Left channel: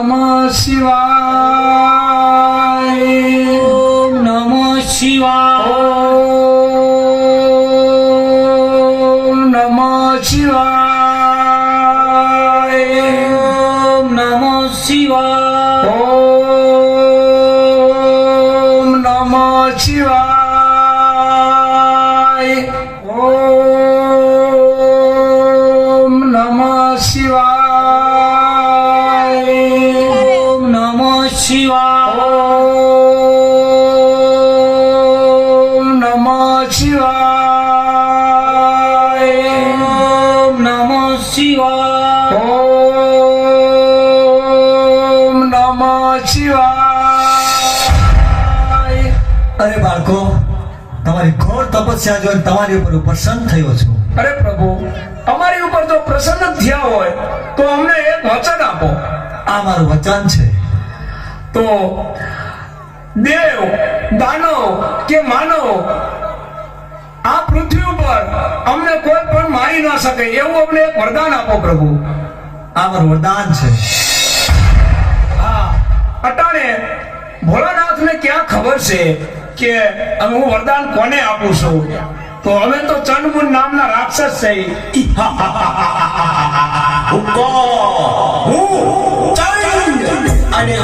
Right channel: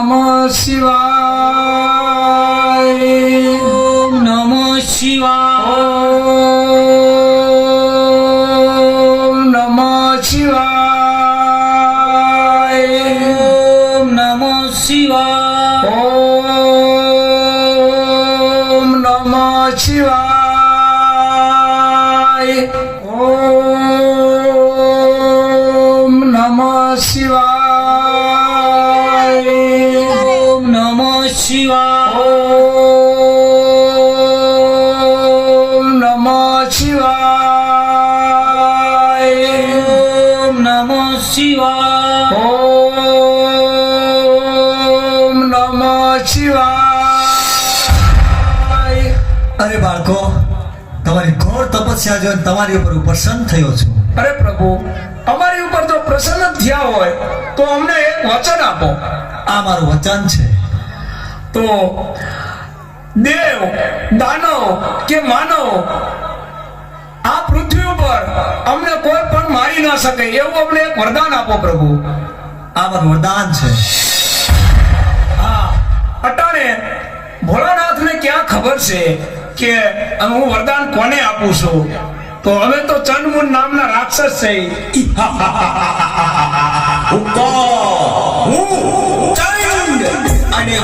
નમઃ શિવાય. ઓમ નમઃ શિવાય. ઓમ નમઃ શિવાય. ઓમ નમઃ શિવાય. ઓમ નમઃ શિવાય. ઓમ નમઃ શિવાય. ઓમ નમઃ શિવાય. ઓમ નમઃ શિવાય. ઓમ નમઃ શિવાય. ઓમ નમઃ શિવાય. અરે બાળકો, તમારી ઘોર તપસ્યા જોઈને તમારી ઉપર પ્રસન્ન થયો છું. અરે પ્રભુ, અમારી ઉપર જો પ્રસન્ન થયા હોય તો અમને એક વચન આપો. આ મારું વચન છે. તો દેવ, દાનવ કે માનવ આ પૃથ્વી ઉપર અમને કોઈ પણ મારી ના શકે એવું અમને એક વરદાન આપો પ્રભુ. આ મારું વરદાન છે. હા, અટાણે ભોળાનાથને ક્યાં ખબર છે કે હું વરદાન કોને આપું છું? તો અમે તો ચંડમુન નામના રાક્ષસ છે. અને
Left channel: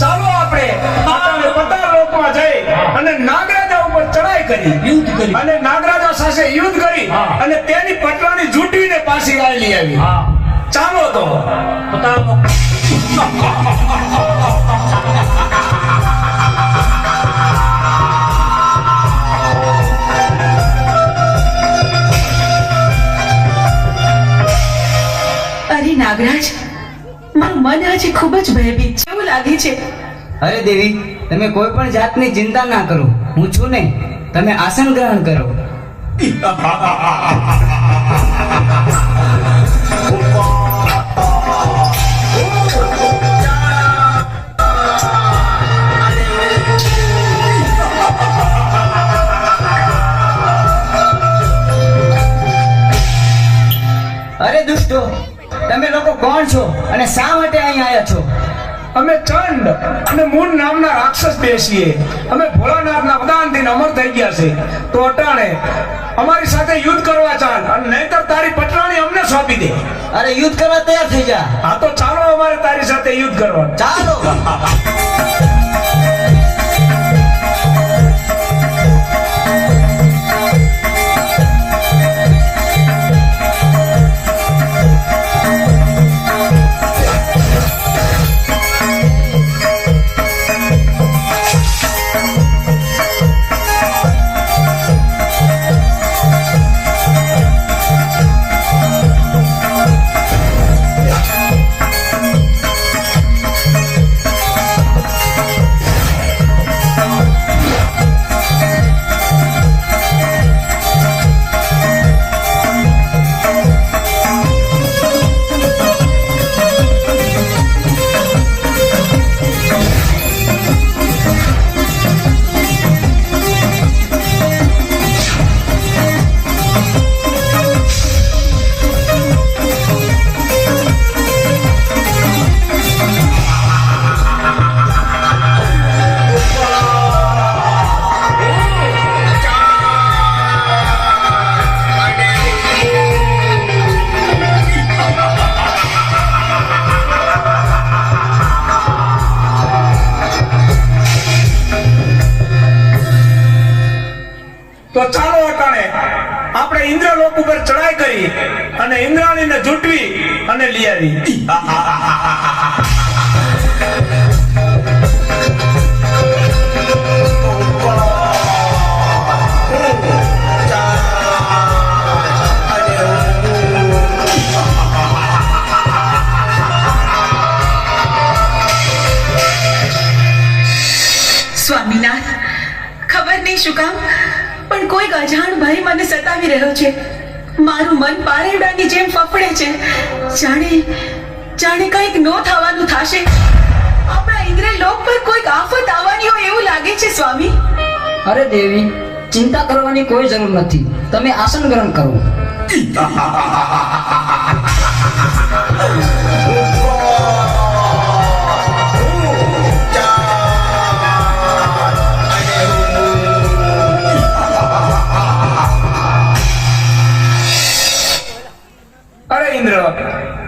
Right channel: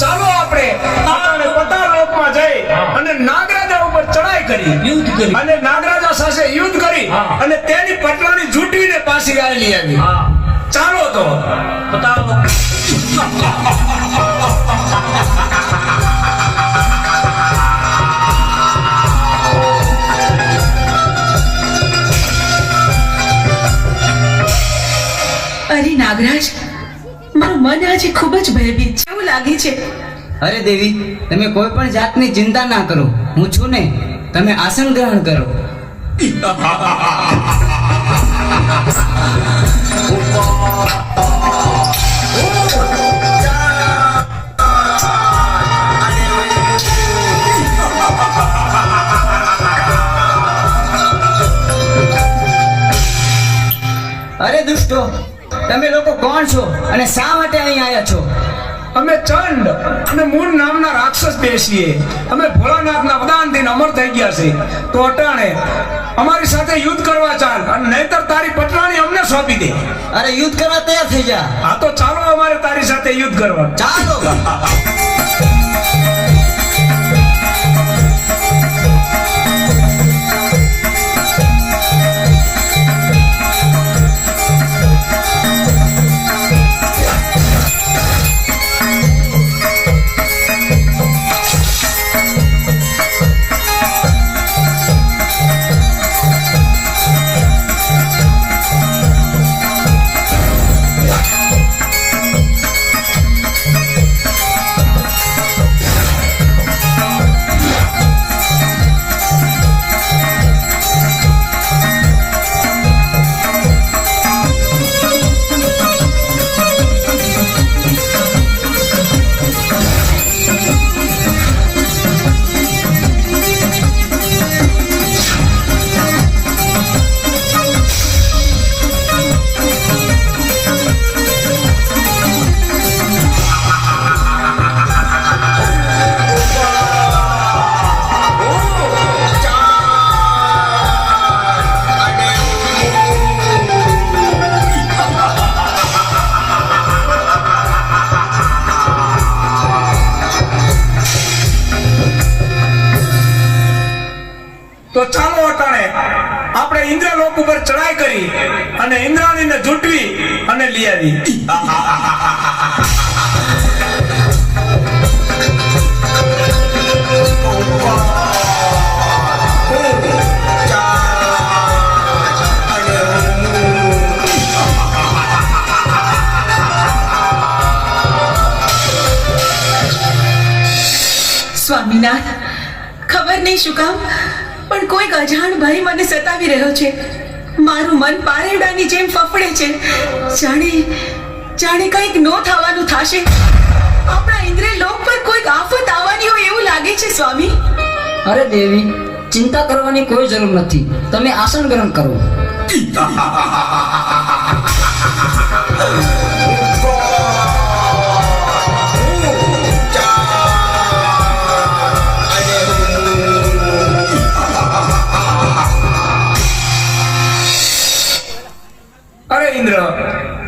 ચાલો આપણે અટાણે પતાળ લોકમાં જઈ અને નાગરાજા ઉપર ચડાઈ કરી, યુદ્ધ કરી. અને નાગરાજા સાથે યુદ્ધ કરી અને તેની પટરાણી જૂટીને પાછી લઈ આવી. ચાલો તો બતાવો. અરે નાગરાજ, મારું મન આજે ખૂબ જ ભયભીત છે એવું લાગે છે. અરે દેવી, તમે કોઈ પણ જાતની ચિંતા ના કરો. હું છું ને, તમે આસન ગ્રહણ કરો. અરે દુષ્ટો, તમે લોકો કોણ છો અને શા માટે અહીં આવ્યા છો? અમે ચંડ અને મૂળ નામના રાક્ષસ બેસીએ. અમે ભોળાનાથના વરદાનથી અમર થઈ ગયા છે. તો અટાણે અમારી સાથે યુદ્ધ કરવા ચાલ, અને નહીતર તારી પટરાણી અમને સોંપી દે. અરે યુદ્ધ કરવા તૈયાર થઈ જા. હા તો ચાલો અમારે તારી સાથે યુદ્ધ કરવા. ચાલો. તો ચાલો અટાણે આપણે ઇન્દ્રલોક ઉપર ચડાઈ કરી અને ઇન્દ્રાણીને જૂટવી અને લઈ આવી. સ્વામીનાથ, ખબર નહીં શું કામ પણ કોઈક અજાણ ભય મને સતાવી રહ્યો છે. મારું મન પારેડાની જેમ ફફડે છે. જાણે કંઈક નો થવાનું થશે. આપણા ઇન્દ્રલોક પર કોઈક આફત આવવાની હોય એવું લાગે છે સ્વામી. અરે દેવી, ચિંતા કરવાની કોઈ જરૂર નથી. તમે આસન ગ્રહણ કરો. અરે ઇન્દ્ર,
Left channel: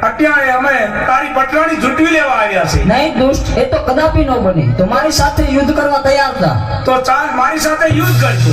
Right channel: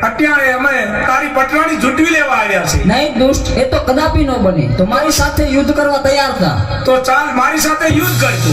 અત્યારે અમે તારી પટરાણી ઝૂંટવી લેવા આવ્યા છે. નહીં દુષ્ટ, એ તો કદાપી ન બને. તો મારી સાથે યુદ્ધ કરવા તૈયાર થા. તો ચાલ મારી સાથે યુદ્ધ કરજો.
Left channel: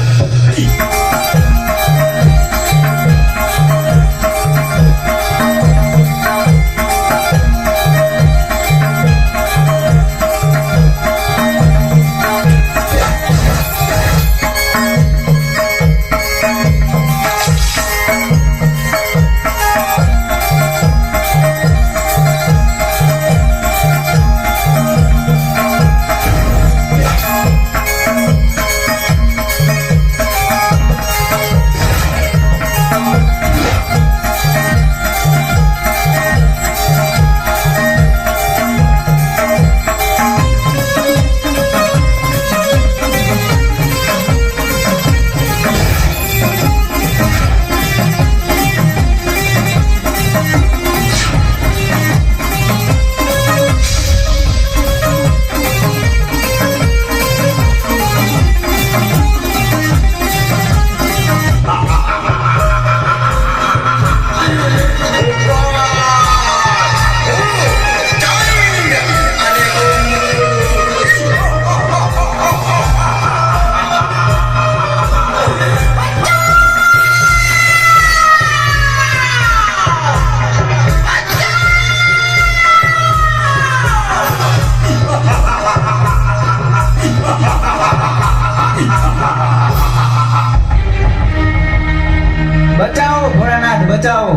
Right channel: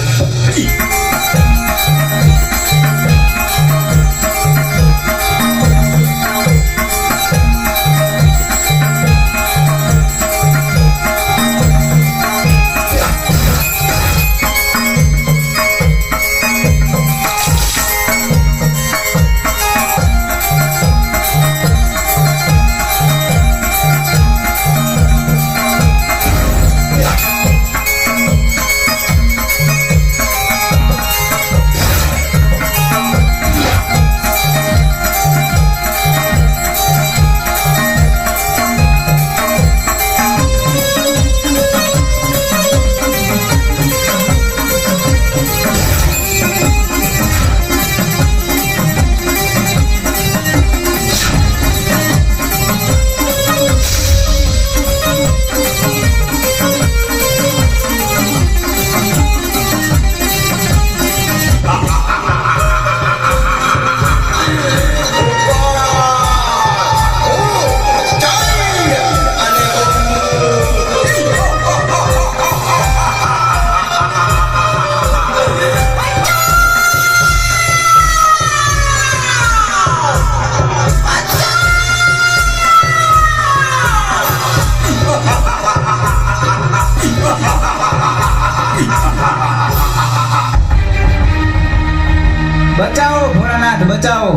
બચાવો ભોળાનાથ, બચાવો.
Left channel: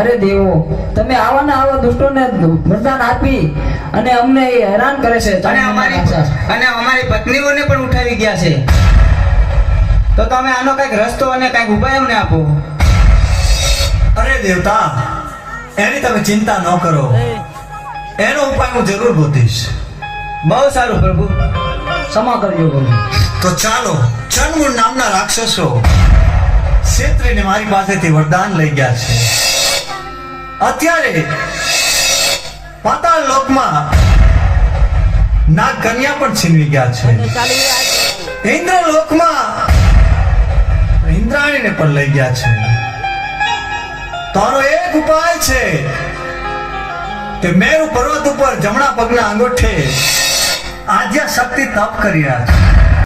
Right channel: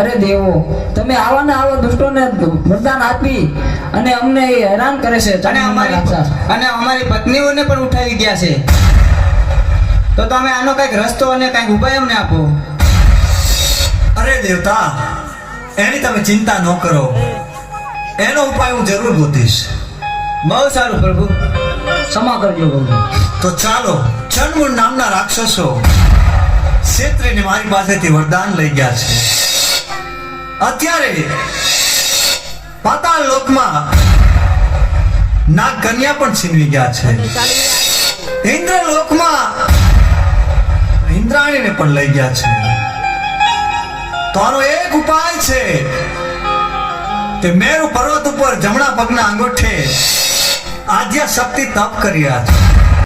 અરે દેવો, તમે આવા ને આવા દુષ્ટોને વરદાન આપી અને અમને હેરાન કરે છે. અને અમારી પત્નીઓને પણ ઉઠાવી ગયા છે. તો તમે આનો કઈક રસ્તો અને કઈક ઉપાય અમને આપો. અરે દેવતા, એની તમે ચિંતા ન કરો. એનો ઉપાય હું જરૂર ગોતીશ. બહુ સારું પ્રભુ. ક્ષમા કરજો પ્રભુ. તો ચાલો, ચંડમૂળ નામના રાક્ષસો ક્ષેત્રીને મારી પાસેથી વરદાન લઈ ગયા છે. અત્યારે પાતાળ લોકમાં નાગ કન્યા પણ છીનવી ગયા છે. ઇન્દ્ર લોકમાં ઇન્દ્રાણીને પણ લઈ ગયા છે. તો આનો એક ઉપાય છે કે મેરુ પર્વત ઉપર જમણા પગના અંગૂઠે આદ્યા શક્તિ તપ કર્યા છે.